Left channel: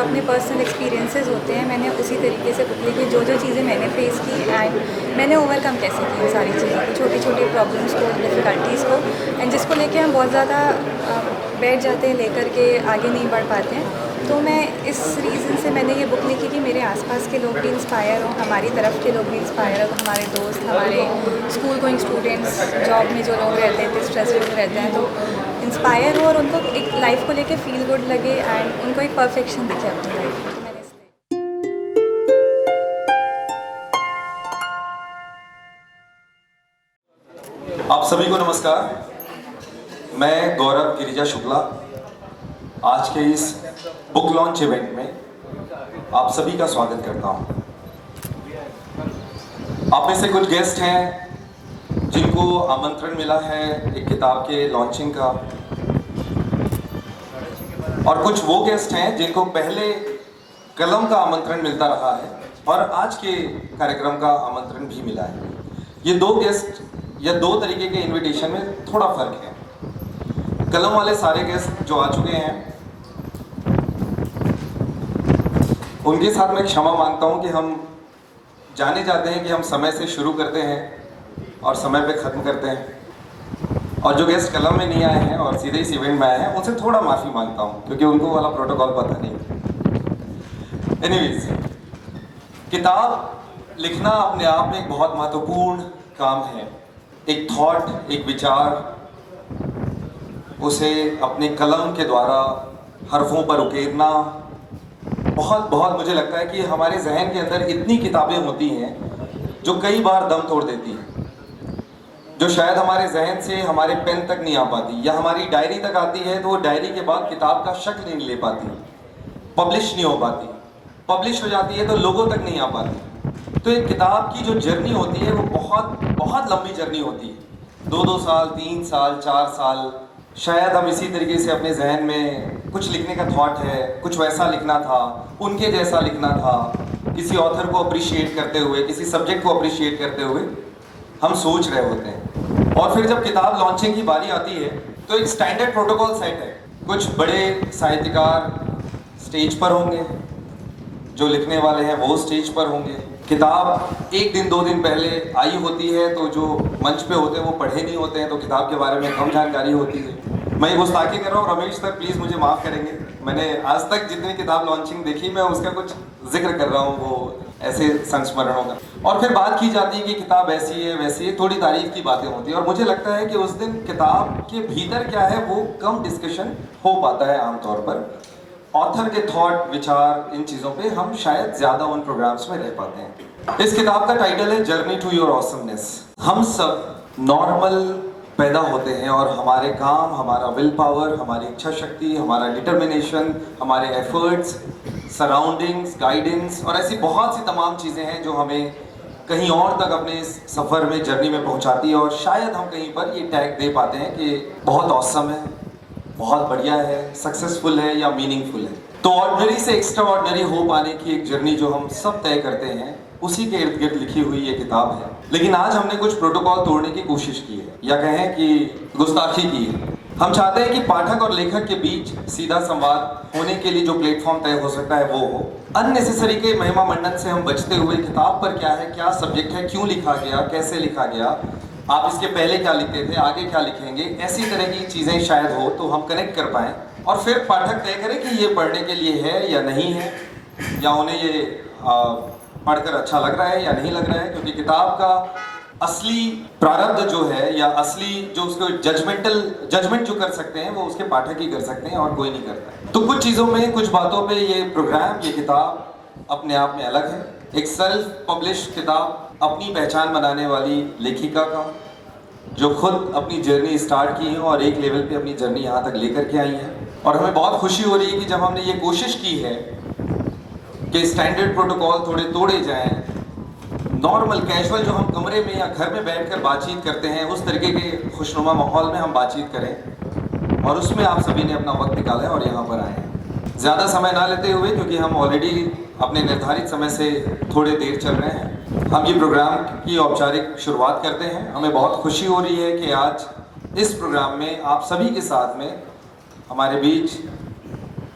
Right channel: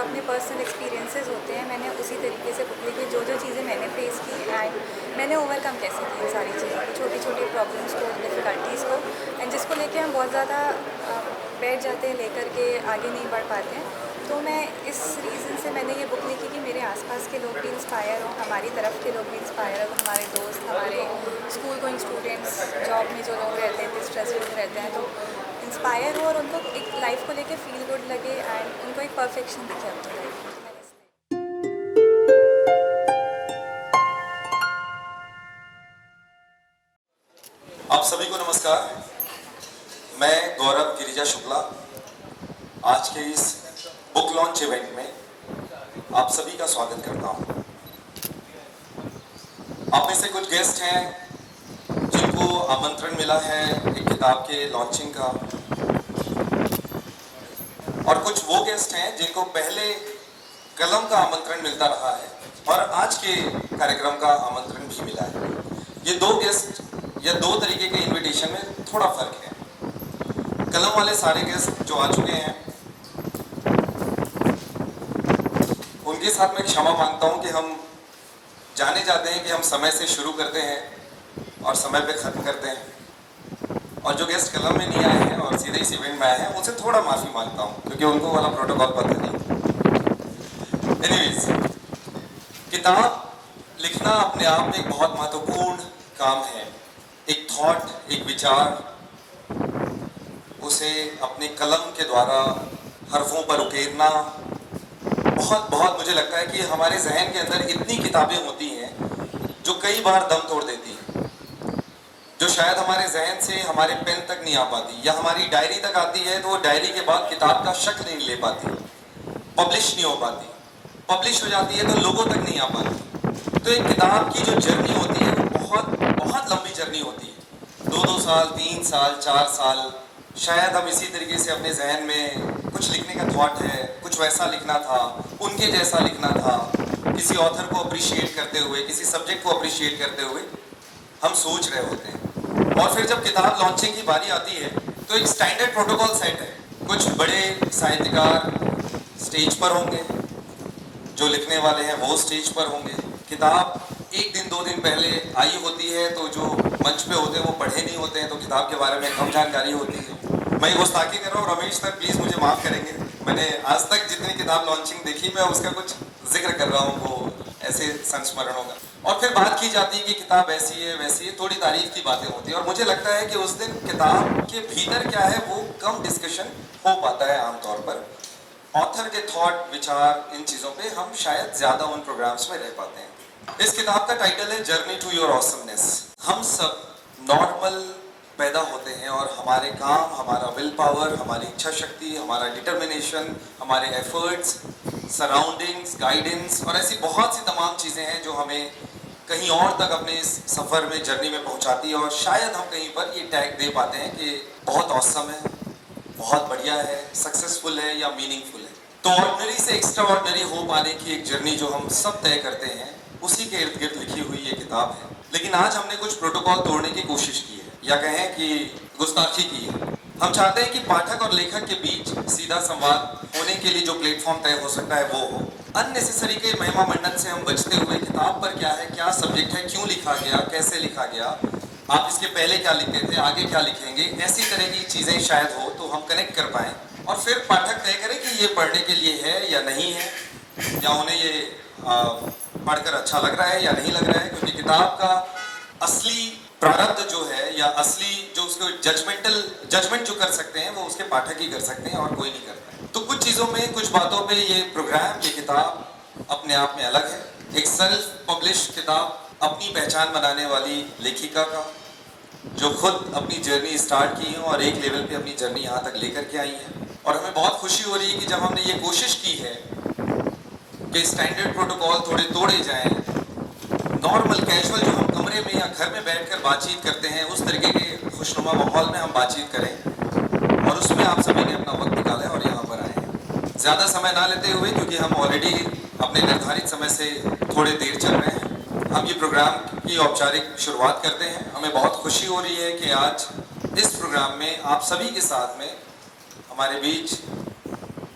अपने personal experiences होते हैं मैंने उसी तरीके से बुक लिखी, जो चीज़ें मैंने फेस की एंड मैंने ओवरकम कैसे की इन सारी चीज़ों को, छोटी छोटी प्रॉब्लम्स को, डिफ़िकल्टीज़ को, एंड जिसको लेके हम बहुत ज़्यादा बैठ जाते हैं, लेकर के आगे नहीं बढ़ पाते हैं। तो मैं इस रीज़न से मैंने ये बुक लिखी कि मेरे आसपास के लोग भी इंस्पायर हों, हमारी तरफ के लोग भी इंस्पायर हों, हमारे दोस्त, हमारे स्कूल गोइंग स्टूडेंट्स, जॉब में जो लोग रहते हैं, स्ट्रेसफुल रहते हैं, तो इंस्पायर हो और उनको एक लाइफ को लेके फील गुड लगे एंड उनको एक परफेक्शन दिखे अपनी लाइफ में। तो मैंने इसलिए आप सभी को नमस्कार। मैं गौरव गिरिजा शुक्ला आज के इस बुक लॉन्च इवेंट में आप सभी का स्वागत करता हूं। आप में से कुछ गेस्ट हैं जिनको आमंत्रण मिला है एक किताब के लॉन्चिंग का, और कुछ वो गेस्ट हैं जिनको पहले कलम का आमंत्रण मिलता रहा है और आज के कार्यक्रम का आमंत्रण भी मिला है। ये दो गेस्ट या दो तरीके के इनविटेशन में थोड़ा फर्क है। कलम वाले सारे गेस्ट जो आ चुके हैं उनके साथ मैं क्षमा मांगता हूं कि हम जाने जाते हैं कि हम समय से शुरू करते हैं और समय पे ख़त्म करते हैं, और जो गेस्ट कलम में नहीं आए हैं और सीधे इस इवेंट में आए हैं उनसे थोड़ा माफ़ी मांगता हूं क्योंकि उनको वाला प्रोटोकॉल पता नहीं। एनीवेज, किताब लिखना अपने आप में एक बहुत महत्वपूर्ण काम है। एक थॉट, एक विचार, उसे अपने कलम के द्वारा हरफों पर उकेरना, बहुत मुझे लगता है कि हमारे जहन के अंदर इतनी किताबें होती हैं जो कई बार दम तोड़ देती हैं, जो शायद हमारे जहन से हमारे पेन तक नहीं आ पाती, या हमारी डायरी तक आती है तो वो डायरी के बाद किताब का शक्ल नहीं ले पाती, पब्लिश नहीं हो पाती, पब्लिश हो जाती है तो लोगों तक नहीं आ पाती। तो एक किताब की जो जर्नी होती है वो बहुत लंबी जर्नी होती है। 2-2 साल, 3 साल, 4 साल, शायद हम इसी तरीके से अपने जहन में कुछ लिखने का थॉट है, कुछ वैसा लिखना था, उनके जैसा लिखना था, किसी ऑथर को अप्रिशिएट करते हुए, किसी सब्जेक्ट को अप्रिशिएट करते हुए हम सोच रहे होते हैं। और फिर जब किताब लॉन्चिंग की बारी आती है तो एक स्टैंडर्ड प्रोटोकॉल सेट है। कुछ बड़े साहित्यकार स्टेज पर होंगे, जो लिखने वाले हैं वो स्टेज पर होंगे। किताब 1 दिन 2 दिन पहले आई होती है तो जो मंच पे होते हैं वो पढ़े नहीं होते हैं, तो किताब के बारे में कम जानकारी होती है। मैं गुस्ताखी कर रहा हूँ, रमेश सर प्लीज़ मुझे माफ़ करेंगे। मैंने आज तक जितनी किताब लॉन्चिंग देखी मैं उसका कुछ जिक्र कर रहा हूँ, वो ऐसे संस्मरणों का। और फिर बात की जाती है कि किताब ऐसी है वैसी है, थोड़ी तारीफ की बातें होती है, और मुझे लगता है कि उस दिन किताब के भीतर क्या है वो कम डिस्कशन हो पाता है आमतौर पर। ऑथर के थॉट, विचार, इन चीज़ों पे हम शायद ज़्यादा उन प्रोग्राम्स में रह पाते हैं। इस किताब का टाइटल है जर्नी टू योर ऑसमनेस। हम सब नॉर्मल पैदा होते हैं और हमारे काम, हमारा विल पावर, हमारी इच्छा शक्ति, हमारा डिटर्मिनेशन, हमारे एफर्ट्स, सराउंडिंग्स, गाइडेंस और ऐसी बहुत सी तमाम चीज़ें हैं जो हमें कहीं और तक अपने इस सफ़र में, जर्नी में पहुंचाती है, और शायद हम कहीं पर ये टैग दे पाते हैं कि बहुत ऑसम है, बहुत बढ़िया है, सक्सेसफुल है या मीनिंगफुल है। तो ऑर्डिनरी से एक्स्ट्रा ऑर्डिनरी हो पाने की एक जर्नी जो हम सब तय करते हैं, उसी के इर्द गिर्द लिखी हुई ये किताब है। लेकिन आज हमने कुछ प्रोटोकॉल तोड़ने की कोशिश की है, या कहें कि गुस्ताखी की है। हम चाहते हैं कि पाठक और लेखक के बीच सीधा संवाद होने के लिए जो प्लेटफॉर्म तय हो सकता है वो हो। अननेसेसरी के महिमा मंडन से हम बचते हुए किताब पर क्या है, क्या सब्जेक्ट है, क्यों लिखा गया, कैसे लिखा गया, आप इसके पहले क्या लिखते थे, आगे क्या लिखेंगे, ऐसी तरह की चीज़ें शायद हो तो हम कनेक्ट कर पाएँ, और फिर पाठक तय करें कि ये पढ़ने के लिए है या नहीं है, या उन्हें ये पढ़कर अच्छा लग रहा है या नहीं लग रहा है। क्योंकि किताब का असली प्रारब्ध जो है, या असली जो उसको जजमेंट जो कर सकते हैं वो उसके पाठक ही कर सकते हैं और कोई नहीं करता है। तो कुछ चीज़ों में, कुछ बातों पे ये प्रोग्राम, ये किताब अपने आप में अलग है। एक सेल्फ पब्लिश किताब, अपनी पहचान बनाने वाली लेखिका का, जो खुद अपनी जर्नी स्टार्ट की है और एक लेवल पे अपनी जर्नी यहाँ तक लेकर के आई है। और हमें बहुत खुशी हो रही है कि जब हमने ये कोशिश की है कि स्टैंडर्ड प्रोटोकॉल थोड़े तोड़े जाएं, नॉर्मल कैजुअल जो हम कमरे में या घर में बैठकर बातचीत करते हैं उस तरीके के खुशनुमा माहौल में हम बातचीत करें, और उसमें आप सभी ने अपना वक्त निकाला है और यहाँ पर आए हैं। ज़्यादा समय ना लेते हुए, क्योंकि हम ऑलरेडी अपने निर्धारित समय से थोड़े देर चल रहे हैं, हम ये प्रोग्राम की औपचारिक शुरुआत करते हैं। हमें बहुत खुशी हो रही है कि आज इस प्रोग्राम में आप सभी के साथ में हमारे बीच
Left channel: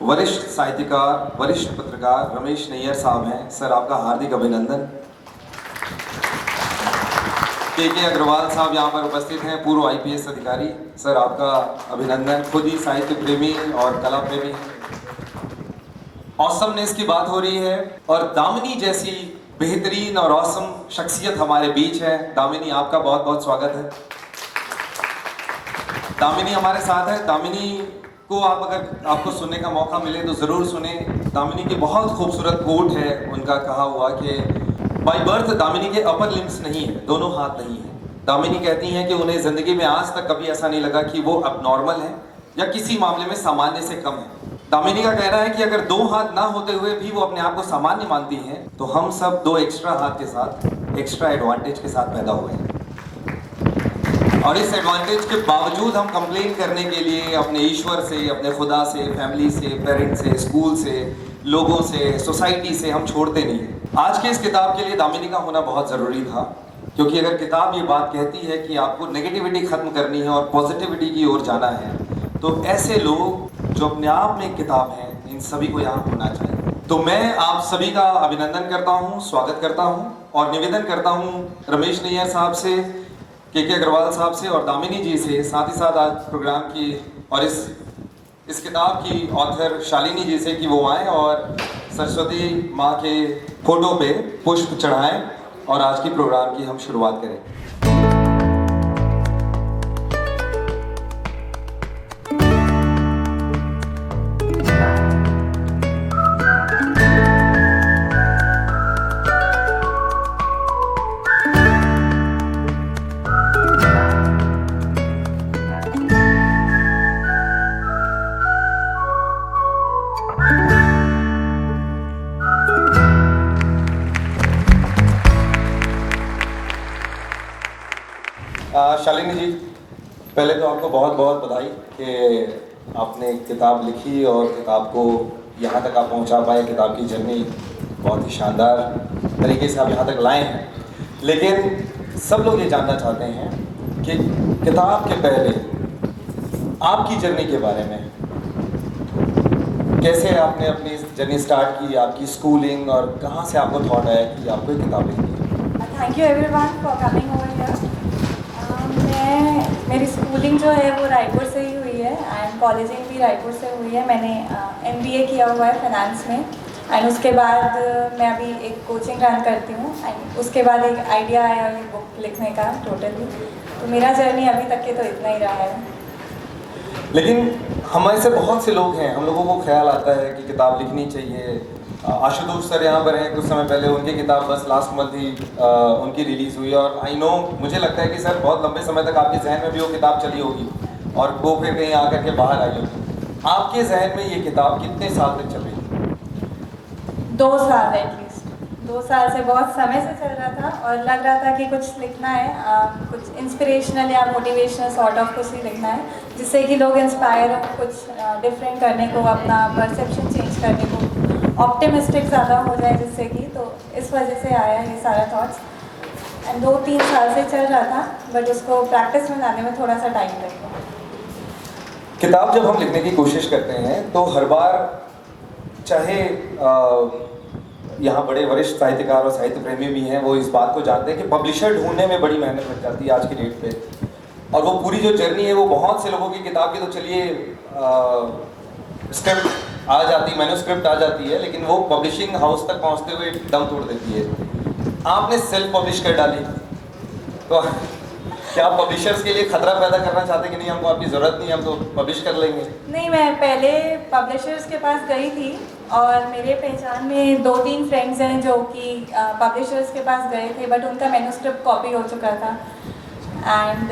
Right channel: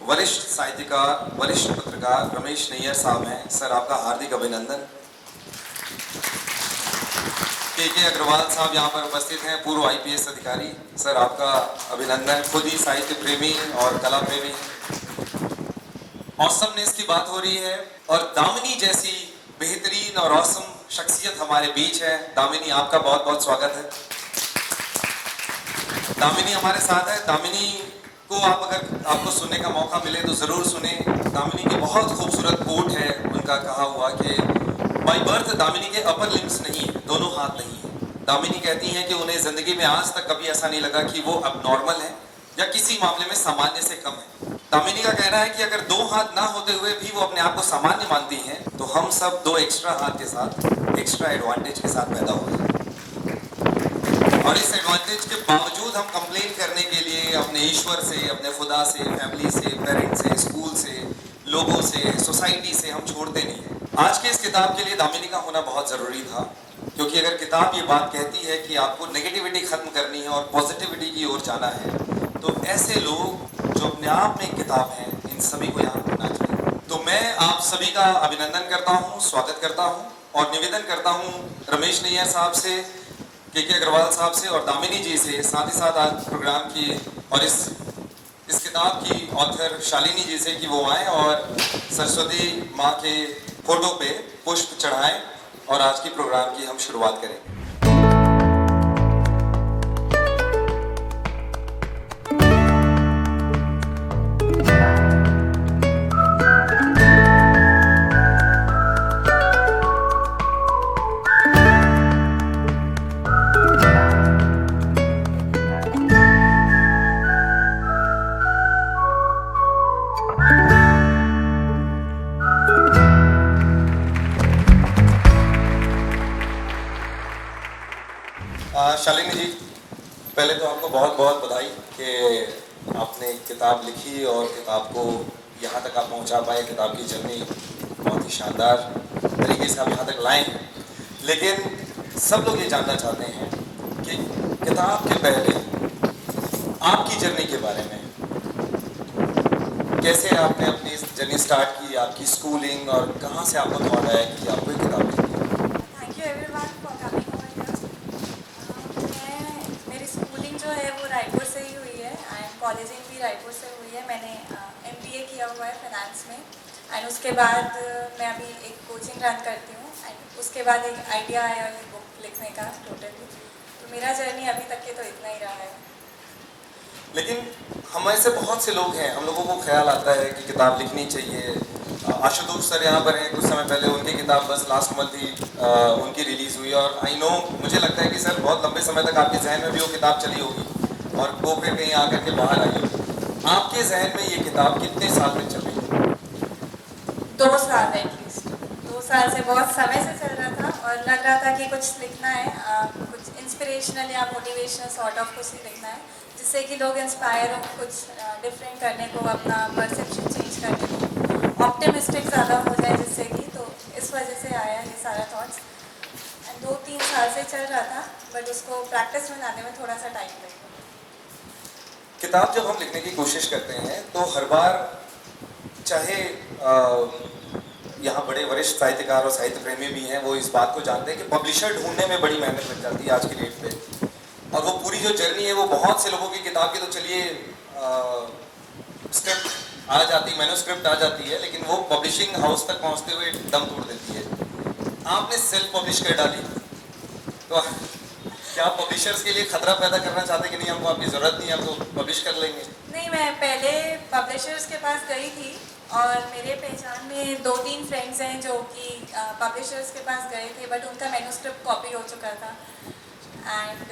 वरिष्ठ साहित्यकार, वरिष्ठ पत्रकार रमेश नैयर साहब हैं। सर, आपका हार्दिक अभिनंदन। के अग्रवाल साहब यहाँ पर उपस्थित हैं, पूर्व IPS अधिकारी। सर, आपका अभिनंदन। खुद ही साहित्य प्रेमी और कला प्रेमी। ऑसमनेस की बात हो रही है और दामिनी जैसी बेहतरीन और ऑसम शख्सियत हमारे बीच है। दामिनी, आपका बहुत बहुत स्वागत है। दामिनी हमारे साथ है। दामिनी को अगर आपको सुनने का मौका मिले तो ज़रूर सुने। दामिनी की बहुत खूबसूरत कोट है, उनका कहा हुआ कि बाय बर्थ दामिनी के अपर लिम्स नहीं है, दोनों हाथ नहीं है। दामिनी कहती हैं कि उन्हें ज़िंदगी में आज तक कभी ऐसा नहीं लगा कि वो अब नॉर्मल है या किसी मामले में सामान्य से कम है। दामिनी का कहना है कि अगर 2 हाथ ना होते हुए भी वो अपने आप को सामान्य मानती हैं, तो हम सब 2 एक्स्ट्रा हाथ के साथ, एक्स्ट्रा एडवांटेज के साथ पैदा हुए हैं। और इस एडवांटेज के बावजूद हम कंप्लेन करने के लिए अपने ईश्वर से, अपने खुदा से, फैमिली से, पेरेंट्स से, स्कूल से, लोगों से, सोसाइटी से हम छोड़ते नहीं हैं। आज के इस किताब के लिए दामिनी का होना बहुत ज़रूरी था, क्योंकि अगर किताब ये बात कहती है कि आपको नेगेटिविटी ख़त्म करनी है और पॉजिटिविटी की ओर जाना है, तो ऐसे लोग जो अपने आप में एक किताब हैं, इन सभी को यहाँ होना चाहिए। तो मैं आप सभी का अभिनंदन करता हूँ, स्वागत करता हूँ और निवेदन करता हूँ रमेश नैयर साहब से, के अग्रवाल साहब से और दामिनी जी से, साथ ही साथ आज प्रोग्राम की और इस किताब की ऑथर शालिनी जी से कि वो आएँ और सरस्वती माँ के फोटो पे पुष्प चढ़ाएं और आज की प्रोग्राम की हम शुरुआत करें। शालिनी जी, पहले तो आपको बहुत बहुत बधाई कि आपने किताब लिखी और किताब को यहाँ तक आप पहुँचा पाए। किताब की जर्नी बहुत ही शानदार तरीके से आप यहाँ तक लाए हैं। लेकिन सब लोग ये जानना चाहते हैं कि किताब के पहले आपकी जर्नी के बारे में, कैसे आपने अपनी जर्नी स्टार्ट की, आपकी स्कूलिंग और कहाँ से आपको थॉट आया कि आपको एक किताब लिखनी है। Thank you everyone for coming over here. मेरी स्कूलिंग जो है वो रायपुर से ही हुई है एंड कॉलेजिंग भी रायपुर से हुई है। मैंने MBA किया हुआ है फाइनेंस में एंड उसके बाद मैं अभी एक कोचिंग रन करती हूँ एंड उसके बाद एक आइडिया आया ये बुक लिखने का टोटली। तो मेरा जर्नी अभी तक के तो इतना ही रहा है। लेकिन हमारे से बहुत से लोग हैं, हम लोगों को ख्याल आता है कि किताब लिखनी चाहिए। आशुतोष सर यहाँ पर हैं, कुछ समय पहले उनकी किताब बस लास्ट मंथ ही उनकी रिलीज़ हुई और आई नो, मुझे लगता है कि सर बहुत लंबे समय तक आपके जहन में भी वो किताब चली होगी और वो फिर कहीं आकर के बाहर आई होगी। आपके जहन में ये किताब कितने साल तक चल रही है? 2 साल एटलीस्ट। 2 साल से बहुत समय से चल रहा था और लग रहा था कि कुछ लिखना है, कुछ इंस्पिरेशनल या मोटिवेशनल सॉर्ट ऑफ कुछ ही लिखना है जिससे कि लोग इंस्पायर हो, कुछ डिफरेंट करने को, अपना परसेप्शन चेंज करने को, ऑप्टिमिस्टिक ज़्यादा हो जाए जिससे कि। तो इस वजह से आया ये सारा थॉट्स एंड 2-3 साल से चल रहा था, बट उसको प्रैक्टिस में लाने में थोड़ा सा टाइम लगेगा। किताब जब हम लिखने की कोशिश करते हैं तो हर बार, चाहे यहाँ बड़े वरिष्ठ साहित्यकार और साहित्य प्रेमी भी हैं, वो इस बात को जानते हैं कि पब्लिशर ढूंढने में बड़ी मेहनत लग जाती है आज की डेट पे। और वो पूरी जो जर्नी है वो बहुत से लोगों की किताब की तो चलिए स्क्रिप्ट आ जाती, मैन्युस्क्रिप्ट आ जाती है, लेकिन वो पब्लिशिंग हाउस तक पहुँचते हुए दम तोड़ देती है। आपने सेल्फ पब्लिश कर डाली, तो क्या आप पब्लिशर्स के लिए खतरा पैदा करना चाहते कि नहीं, हमको आपकी ज़रूरत नहीं, हम तो पब्लिश कर लेंगे? नहीं, मैं पहले पब्लिशर्स के पास गई थी और मेरे पहचान में 2-3 फ्रेंड्स हैं जो कि पब्लिशर्स के पास गए थे, बट उनका मैन्युस्क्रिप्ट कॉपी हो चुका था एंड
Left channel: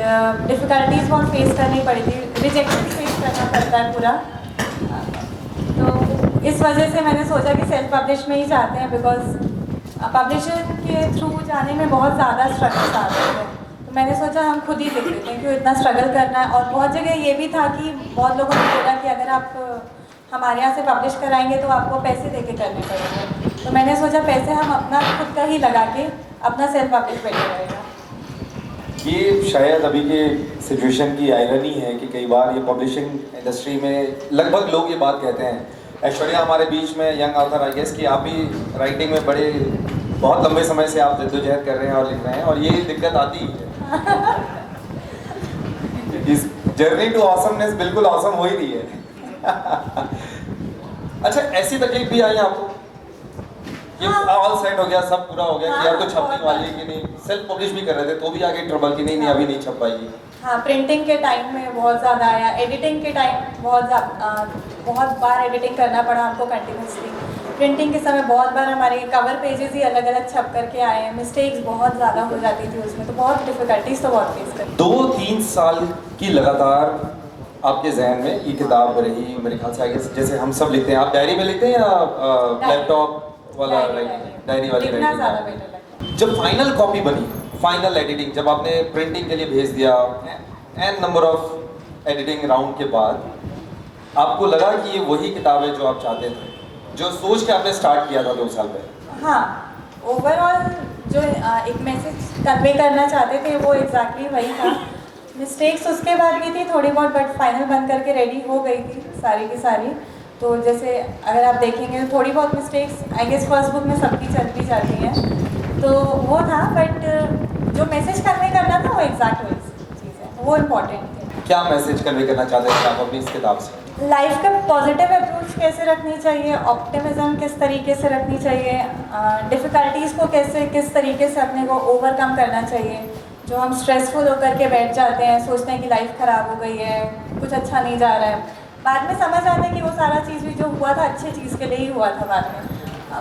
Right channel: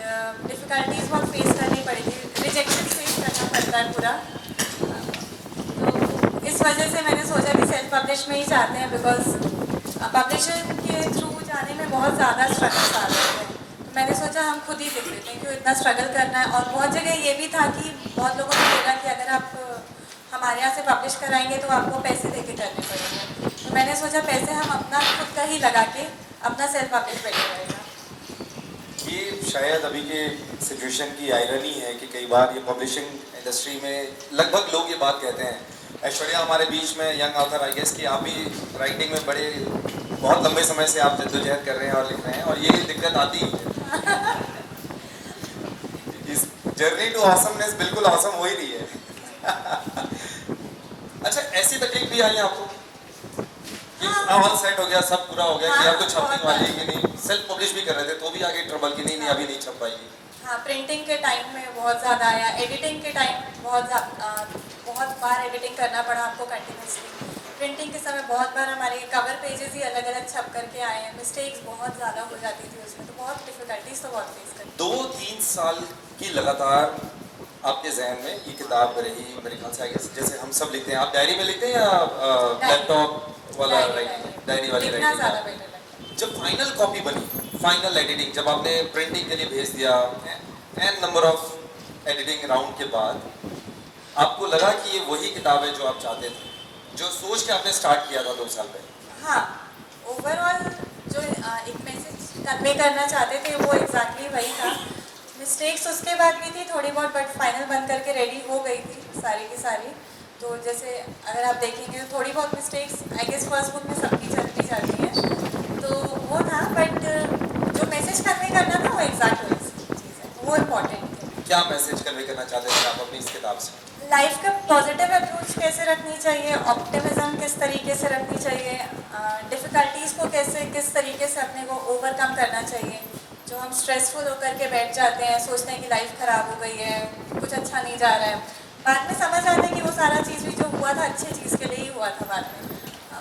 डिफ़िकल्टीज बहुत फेस करनी पड़ी थी, रिजेक्शन फेस करना पड़ता है पूरा। तो इस वजह से मैंने सोचा कि सेल्फ पब्लिश में ही जाते हैं, बिकॉज पब्लिशर के थ्रू जाने में बहुत ज़्यादा स्ट्रगल्स आते हैं। तो मैंने सोचा हम खुद ही लिख लेते हैं, क्यों इतना स्ट्रगल करना है। और बहुत जगह ये भी था कि बहुत लोगों ने बोला कि अगर आप हमारे यहाँ से पब्लिश कराएंगे तो आपको पैसे दे के करने पड़ेंगे। तो मैंने सोचा पैसे हम अपना खुद का ही लगा के अपना सेल्फ पब्लिश बेटर रहेगा। ये शायद अभी के सिचुएशन की आयरनी है कि कई बार ये पब्लिशिंग इंडस्ट्री में लगभग लोग ये बात कहते हैं ऐश्वर्या हमारे बीच में यंग ऑथर, आई गेस कि आप भी राइटिंग में बड़े बहुत लंबे समय से आप जद्दोजहद कर रहे हैं और लिख रहे हैं, और ये दिक्कत आती ही है। इस जर्नी टू ऑसमनेस बिल्कुल ऑसम हो ही रही है। अच्छा, ऐसी तकलीफ भी आई आपको कि ऑल सेट हो गया, सब पूरा हो गया, कि अब तो छपने वाली है कि नहीं, सेल्फ पब्लिश भी कर रहे थे तो भी आगे ट्रबल की नहीं अभी नहीं छप पाएगी? हाँ, प्रिंटिंग के टाइम में बहुत ज़्यादा आया, एडिटिंग के टाइम बहुत बार एडिटिंग करना पड़ा हमको कंटिन्यूसली। प्रिंटिंग के समय बहुत बार हमारे कवर पेजेस ही अलग अलग छप करके आए हैं, मिस्टेक्स बहुत ज़्यादा हो जाती थी उसमें, तो बहुत डिफ़िकल्टीज तो बहुत फेस करी। 2-3 साल की लगातार आपके जहन में ये किताब रही, मेरे ख्याल से आगे जैसे हम सब लिखते हैं, आप डायरी में लिखते हैं या लैपटॉप वाला डायरी वाली लिखना ज़्यादा राइटिंग? बेटर लगता है। जब फाइनल कॉपी बनी, फाइनल एडिटिंग, जब आपने प्रिंटिंग के लिए भेज दिया, n number of editing round के बाद आपको लगा कि ये वही किताब है जो आप चाहते थे, जो सोच के आपने स्टार्ट किया था 2 साल पहले? हाँ, ओवरऑल जो एक मैसेज कन्वे करना चाहते थे वो एग्जैक्टली वही था। मिस्टेक्स उसके बाद भी थी थोड़ी बहुत, बट फाइनल बन करके रेडी हो गई थी सारी की सारी। तो जैसे अगर आप देखेंगे तो थोड़ी बहुत mistakes I guess first book में सबकी चलती जाती हैं, तो वो था, बट जो मैसेज कन्वे करना था वो एग्जैक्ट वही चीज़ है, वो इम्पोर्टेंट थी। क्या मैसेज कन्वे करना चाहते थे आप अपनी इस किताब से? लाइफ का पॉजिटिव अप्रोच कैसे रखनी चाहिए, ऑप्टिमिज्म किस तरीके से रखनी चाहिए, डिफ़िकल्टीज़ को कैसे किस तरीके से अपने को ओवरकम करना चाहिए। जो हम स्ट्रेसफुल होकर के बैठ जाते हैं, सोचते हैं कि लाइफ ख़राब हो गई है, कुछ अच्छा नहीं जा रहा है, बाद में समझ आता है कि वो सारा चीज़ भी जो हुआ था अच्छी चीज़ के लिए ही हुआ था। बाद में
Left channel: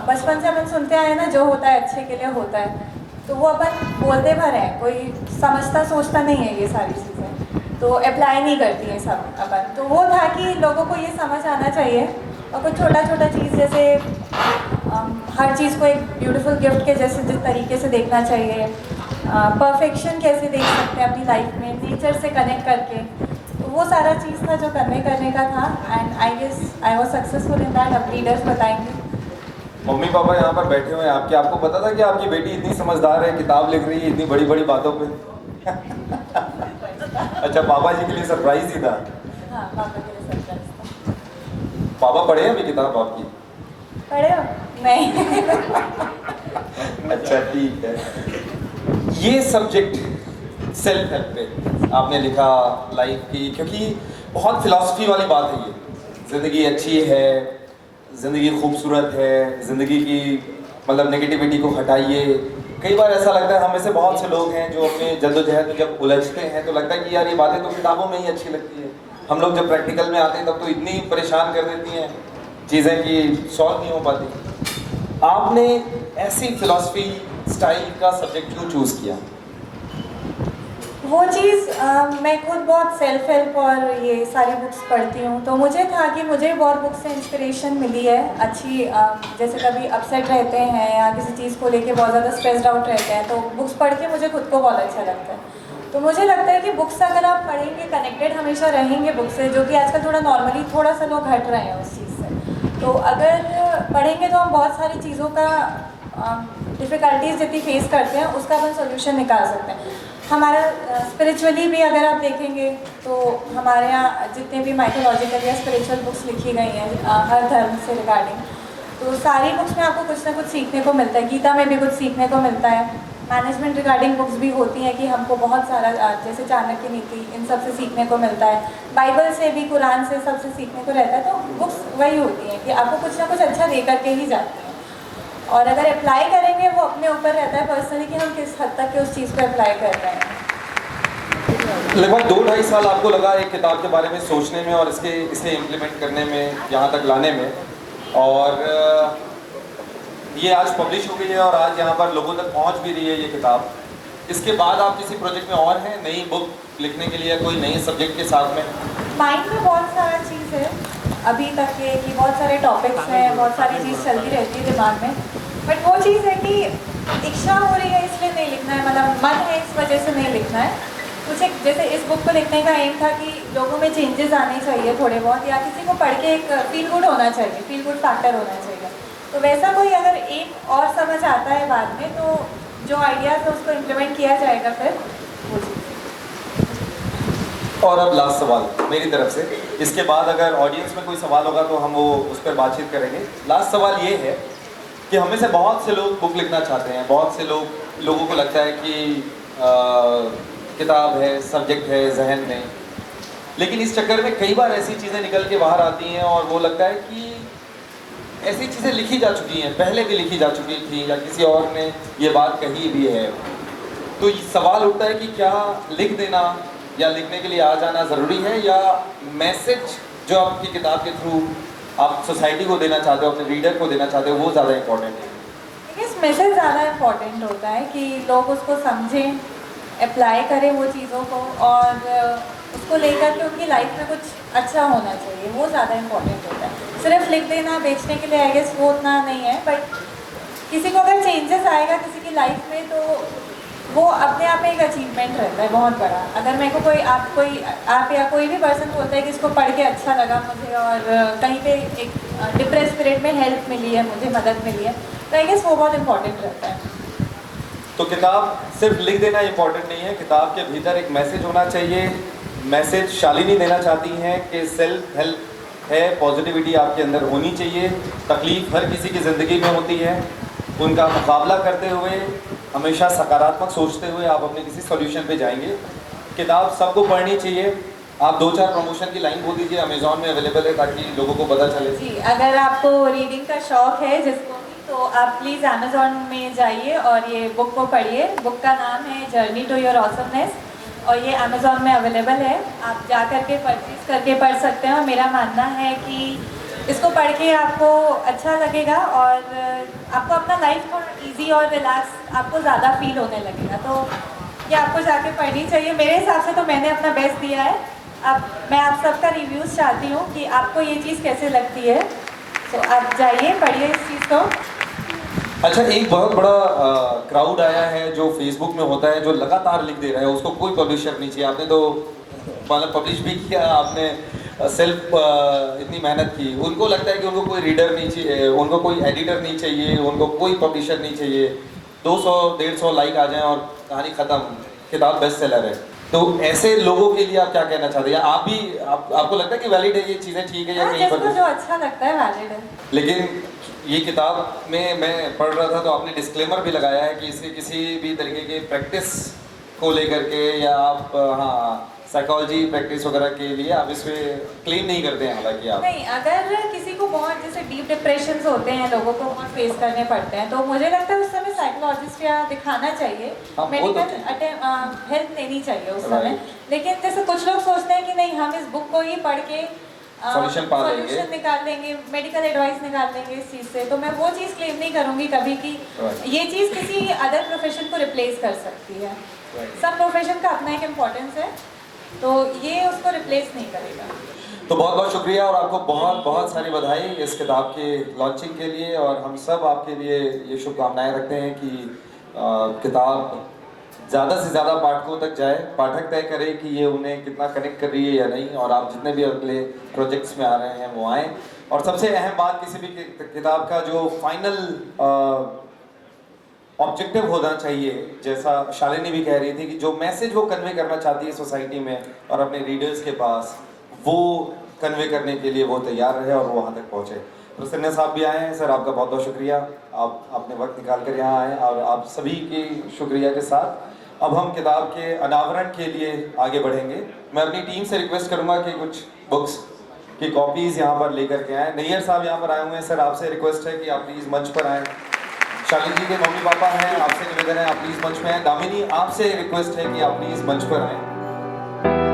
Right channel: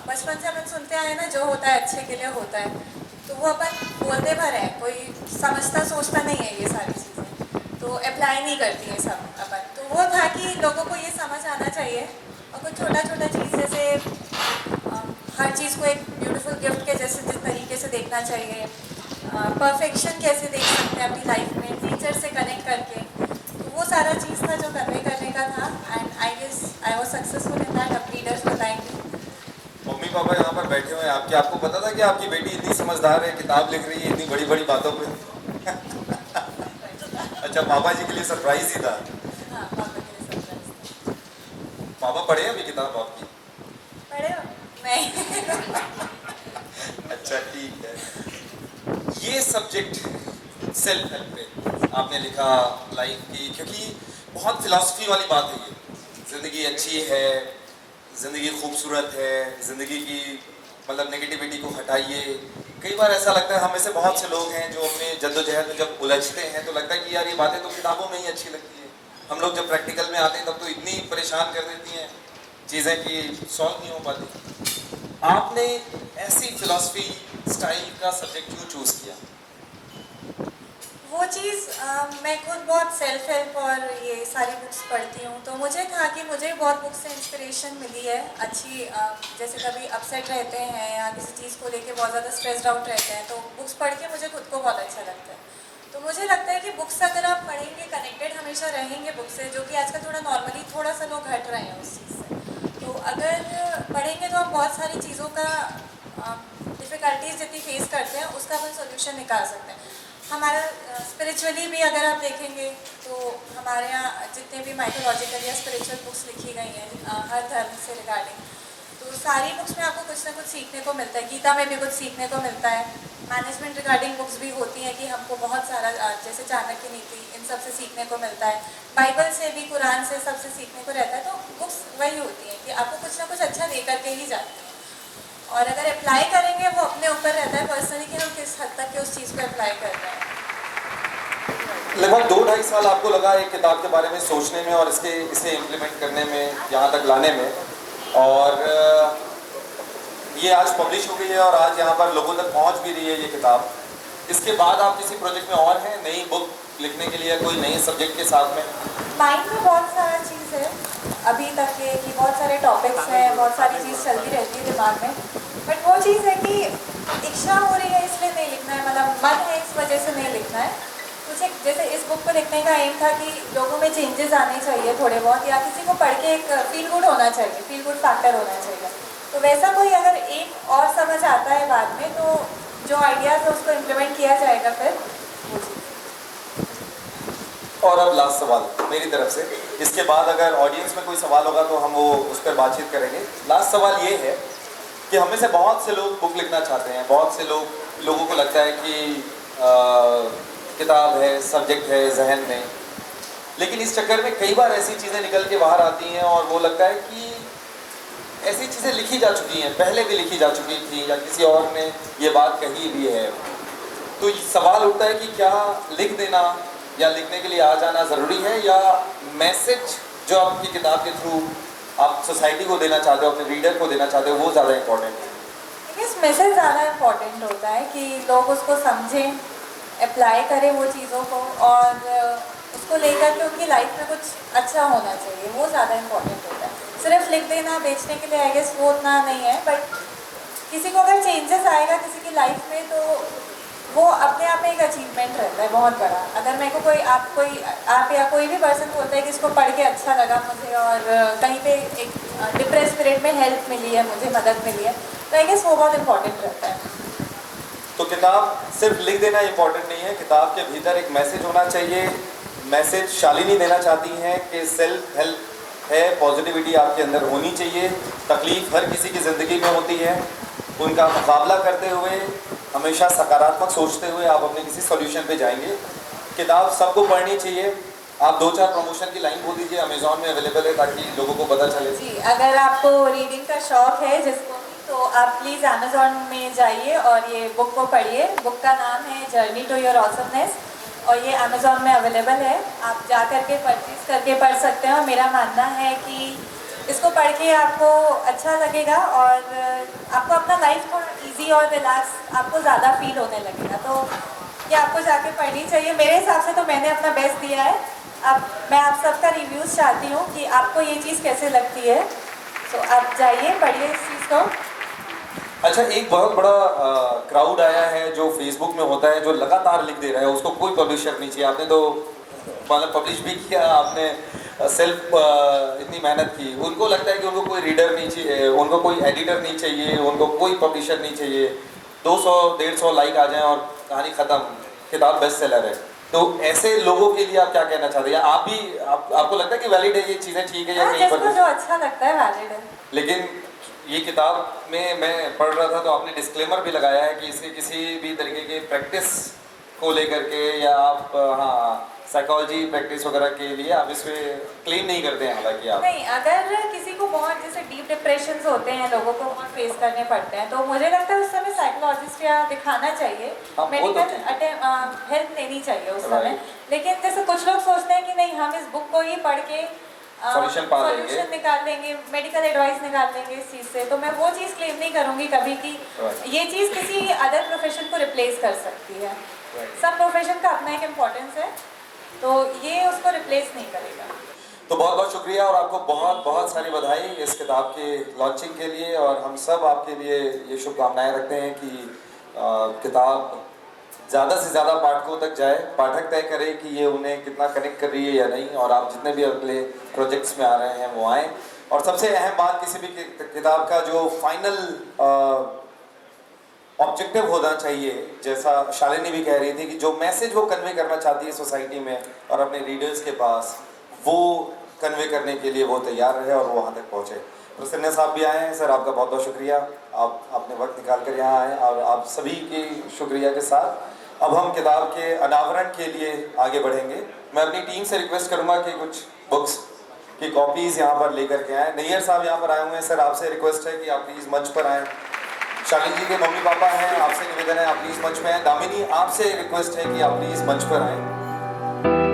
बचपन से अपन सुनते आए ना, जो होता है अच्छे के लिए होता है, तो वो अपन बोलते भर हैं, कोई समझता सोचता नहीं है ये सारी चीज़ें, तो अप्लाई नहीं करती है सब अपन। तो वो था कि लोगों को ये समझ आना चाहिए, और कुछ छोटा छोटा चीज़ जैसे हर चीज़ को एक ब्यूटीफुल गिफ्ट के जैसे जिस तरीके से देखना चाहिए, परफेक्शन कैसे देख सकते हैं अपनी लाइफ में, नेचर से कनेक्ट करके, तो वो सारा चीज़ था जो कन्वे करने का था। And I guess I was successful in that. अब रीडर्स बताएंगे। मम्मी पापा यहाँ पर बैठे हुए हैं आपके, आपको पता था कि आपकी बेटी इतनी समझदार है, किताब लिख रही है इतनी बड़ी बड़ी बातों पे? अच्छा, पापा जी के लिए सरप्राइज ही था? हाँ, पापा के लिए सरप्राइज था। पापा पढ़े हैं अभी किताब आपकी? पढ़े हो? नहीं। अच्छा, ठीक है। ये सब्जेक्ट सेल्फ हेल्प पे आपने लिखा, लाइफ की, क्योंकि बहुत फिलॉसफी वाली बात है ये। ज़िंदगी अच्छी है, ज़िंदगी खूबसूरत है, ज़िंदगी की मतलब नेगेटिविटी को हटाइए। कई बार ऐसा लगता है हम में से बहुत से लोग हैं जो अपने जद्दोजहद में जब उलझते हैं तो लगता है कि यार ये बातें तो किताबों में ही अच्छी लगती है, हम लोग जब प्रैक्टिकल में आते हैं तब तो इतनी परेशान कर देती हैं चीज़ें कि सॉल्व नहीं हो पाती। आपने ऐसी फिलॉसफी स्टाइल का सब्जेक्ट क्यों चूज़ किया? वो चीज़ मैं खुद बहुत सेल्फ हेल्प और ये सारी बुक्स पढ़ती हूँ, तो मुझे था कि मुझे बहुत बुक्स से इंस्पिरेशन मिली है अच्छी। जैसे कभी अपसेट रहते हैं या किसी चीज़ को लेके बहुत ज़्यादा स्ट्रेस्ड आउट रहते हैं, तो बुक्स पढ़ के मुझे खुद को बहुत अच्छा लगता है। तो मुझे लगता है कि बुक्स अगर आप पढ़ेंगे, कनेक्टेड हमेशा रहेंगे बुक से, जो कि आजकल थोड़ा नॉर्मली थोड़ा सा लोग हट रहे हैं उस चीज़ से। तो अगर पढ़ेंगे तो हम बहुत सारी चीज़ों का डिफ़िकल्टीज जितनी फेस करते हैं उसका अपन सोल्यूशन निकाल सकते हैं। हमारा स्पिरिचुअली भी अगर आप देखेंगे तो हमारे यहाँ जितने भी माइथोलॉजिकल या स्पिरिचुअल बुक्स लिखी गई हैं हर धर्म से रिगार्डिंग, तो सारी बुक्स में आपको कुछ ना कुछ सीखने को मिलता है। गीता में भी कुछ सीखने को मिलता है। मैनेजमेंट रिगार्डिंग बुक्स भी होती हैं कि हमको बहुत सारा जैसे चाणक्य नीति, इन सब से सीखने को मिलता है। बाइबल से भी, कुरान से, सबसे सीखने को रहता है। तो बुक्स वही होती हैं कि आपको कुछ ना कुछ अच्छा दे करके ही जाते हैं, और अगर अप्लाई करेंगे वो अपने ऊपर रहता है पर्सनली कि हम किस हद तक उस चीज़ को अप्लाई कर रहे हैं। लगभग 2-2.5 साल आपको लगा एक किताब के बारे में सोचने में और इसे इम्प्लीमेंट करने में, यहाँ तक लाने में, और ये आज पब्लिश हो गई है और आज यहाँ पर लोगों तक पहुँच भी रही है ये किताब। इसके बाद आप किसी प्रोजेक्ट में और हैं, नई बुक लिखने के लिए, कोई नए सब्जेक्ट के साथ में? माइंड में बहुत सारा चीज़ है अभी तक के, कि बहुत सारे टॉपिक्स हैं, बहुत सारी चीज़ चलती रहती है दिमाग में, बट वो चीज़ है कि इच्छा हो रही है इसलिए नहीं लिखना है, मतलब मन है इस वजह से नहीं लिखना है। कुछ एक जैसे इस बुक को लिखने का एम था कि लोगों में चेंजेस आने चाहिए थोड़े बहुत, या किसी को पढ़ के एक फील गुड होना चाहिए, फील गुड फैक्टर होना चाहिए। तो वैसा कोई अगर एक और समझ आता है बाद में, तो जो आइडियाज़ है उसको इम्प्लीमेंट किया जाएगा फिर वो चीज़। और अब लास्ट सवाल मेरी तरफ से, इसके बाद अगर ऑडियंस में कोई सवाल होगा तो हम वो उस पर बातचीत करेंगे। लास्ट सवाल ये है कि हमें से बहुत से लोग बुक लिखना चाहते हैं, बहुत से लोगों को लगता है कि किताब है, सब्जेक्ट है जहन में, लेकिन इस चक्कर में कई बार ऐसी चीज़ें निकल के बाहर आती हैं और वो लगता है कि ऐसी चीज़ें लिखी जा चुकी हैं, पहले भी लिखी जा चुकी थी या किसी और ने ये बात कही भी है। तो सवाल उठता है कि क्या लिख देना या लिखने के लिए आ जाना ज़रूरी है, या मैसेज जो आपकी किताब के थ्रू आप सोसाइटी को देना चाहते हो, अपने रीडर को देना चाहते हो, वो ज़्यादा इम्पोर्टेंट है? इस मैसेज ज़्यादा इम्पोर्टेंट होता है कि लोग उसको समझें, अप्लाई करें वो चीज़ों को, और उसको लेकर के उनकी लाइफ में कुछ अच्छा होना चाहिए, वो ज़्यादा इम्पोर्टेंट होता है। सिर्फ लिख देना बेचने के लिए आई गेस वो उतना नहीं है, बट किसी को अगर चेंजेस आएगा किसी की लाइफ में तो वो अपने आप में एक अचीवमेंट रहता है बहुत बड़ा। अगर मेरे को आप या कोई भी पर्सन बोलता है कि इसको पढ़ के अच्छा लगा मुझे और कहीं पे एक डिप्रेस पीरियड में हेल्प मिली है, मुझे मदद मिली है, तो आई गेस वो बहुत इम्पोर्टेंट रहता है। तो किताब सिर्फ लिख देना इम्पोर्टेंट नहीं है, किताब के भीतर एक मैसेज होना चाहिए। मैसेज शालिनी देना चाहती हैं कि सेल्फ हेल्प है, पॉजिटिविटी आपके अंदर होनी चाहिए। तकलीफ हर किसी की ज़िंदगी में होती है, उनका मुकाबला करते हुए हमेशा सकारात्मक सोचते हुए आप अपने किसी सॉल्यूशन पे जाएंगे। किताब सबको पढ़नी चाहिए। आप 2-4 प्रमोशन की लाइन बोल दीजिए, अमेज़ॉन में अवेलेबल है ताकि लोगों को पता चले। जी, अगर आपको रीडिंग का शौक़ है जिसको भी, तो आप प्लीज़ अमेज़ॉन में जाइए और ये बुक को पढ़िए। बुक का नाम है जर्नी टू योर ऑसमनेस और ये अमेज़ॉन में अवेलेबल है। आप जा कर के परचेज़ करके पढ़ सकते हैं और मेरा मानना है कि इसको पढ़ के आपको अच्छा लगेगा और आपको अपना लाइफ थोड़ा इजी और रिलैक्स आपको ज़्यादा फील होने लगेगा। तो ये आपको जाके पढ़नी चाहिए। मेरे हिसाब से तो मैंने अपना बेस्ट दिया है। मैं आप सबका रिव्यूज़ चाहती हूँ कि आपको ये चीज़ कैसे लगती है, तो आप जाइए पढ़िए इस चीज़ को। अच्छा, एक बहुत बड़ा क्राउड आया है जो फेसबुक में होता है, जो लगातार लिख दे रहा है, उसको कोई पब्लिशर नहीं चाहिए। आपने तो मतलब पब्लिश भी किया, आपने सेल्फ इतनी मेहनत की, उनको लगता है कि उनको कोई रीडर नहीं चाहिए, उनको कोई एडिटर नहीं चाहिए, उनको कोई पब्लिशर नहीं चाहिए। 200-150 लाइक आ जाएं और कहानी ख़त्म, किताब बेस्ट सेलर है। तो ऐसे लोगों के लिए आप क्या कहना चाहते हैं? आप भी आपको लगता है कि वैलिड है ये चीज़ें, ठीक है या कहीं पर? जिसको जो अच्छा लगता है वैलिड है। लेकिन ये किताब में मैं पढ़ रहा था तो आपने डिस्क्लेमर भी लगाया है कि इसे किसी भी तरीके के प्रैक्टिस को लेकर के या आप साइकोलॉजी प्रैक्टिस वगैरह के लिए आप इसमें क्लेम नहीं करते हैं। हालांकि आप नहीं, अगर किसी को बहुत जैसे डीप डिप्रेशन होते हैं, लोगों को बहुत फेस करने पड़ते हैं, तो मुझे लगता है उस समय साइकोलॉजिस्ट या दिखाना चाहिए, मेडिकल हेल्प लेनी चाहिए उस समय। लेकिन जैसे कुछ लोग सोचते हैं कि नहीं, हम इस बुक को ही पढ़ के सॉल्यूशन निकाल लेंगे, मेडिकल एडवाइस निकाल लेंगे इस चीज़ से, तो मैं वो चीज़ क्लेम नहीं करूँगी कभी कि ये चीज़ किसी अदर प्रोफेशन को रिप्लेस कर सकती है। सब प्रोफेशन का अपना एक इम्पोर्टेंस है, तो ये उसको रिप्लेस नहीं करेगा। तो बहुत बहुत शुक्रिया और आपको बहुत बहुत सारी बधाई इस किताब के लॉन्चिंग के लिए, और हम सब आपके लिए ये शुभकामनाएं रखते हैं कि किताब ज़्यादा से ज़्यादा पाठकों तक जाए, पाठक तय करे कि ये उन्हें कितना कनेक्ट कर रही है या नहीं, और आप जितने भी अगले प्रोजेक्ट्स में आ रहे हैं वो आएँ। और सबसे अहम बात, किसी भी किताब का जो फाइनल ऑब्जेक्टिव होना चाहिए, जैसा शालिनी भी कह रही थी कि जो मैसेज वो कन्वे करना चाहती है सोसाइटी में और अपने रीडर्स के पास, वो कन्वे करने के लिए वो तैयार रहे और वो वहाँ तक पहुँचे। प्रसन्न साहब भी आए हैं। सर, आपका बहुत बहुत शुक्रिया, आप अपने वक्त निकाल कर यहाँ आए, और आप सभी के शुक्रिया के साथ अब हम किताब के अनावरण के लिए आगे बढ़ेंगे। मैं अपनी टीम से रिक्वेस्ट करूँगा कि कुछ बुक्स की कॉपीज़ यहाँ पर लेकर के आएँ। नैयर साहब यहाँ पर आए हुए हैं। सर, आपसे रिक्वेस्ट है कि आप प्लीज़ मंच पर आएँ। शालिनी जी के मम्मी पापा हैं, आपसे निवेदन है आप प्लीज़ मंच पर आएँ। दामिनी, आपसे रिक्वेस्ट है कि आप प्लीज़ मंच पर आएँ।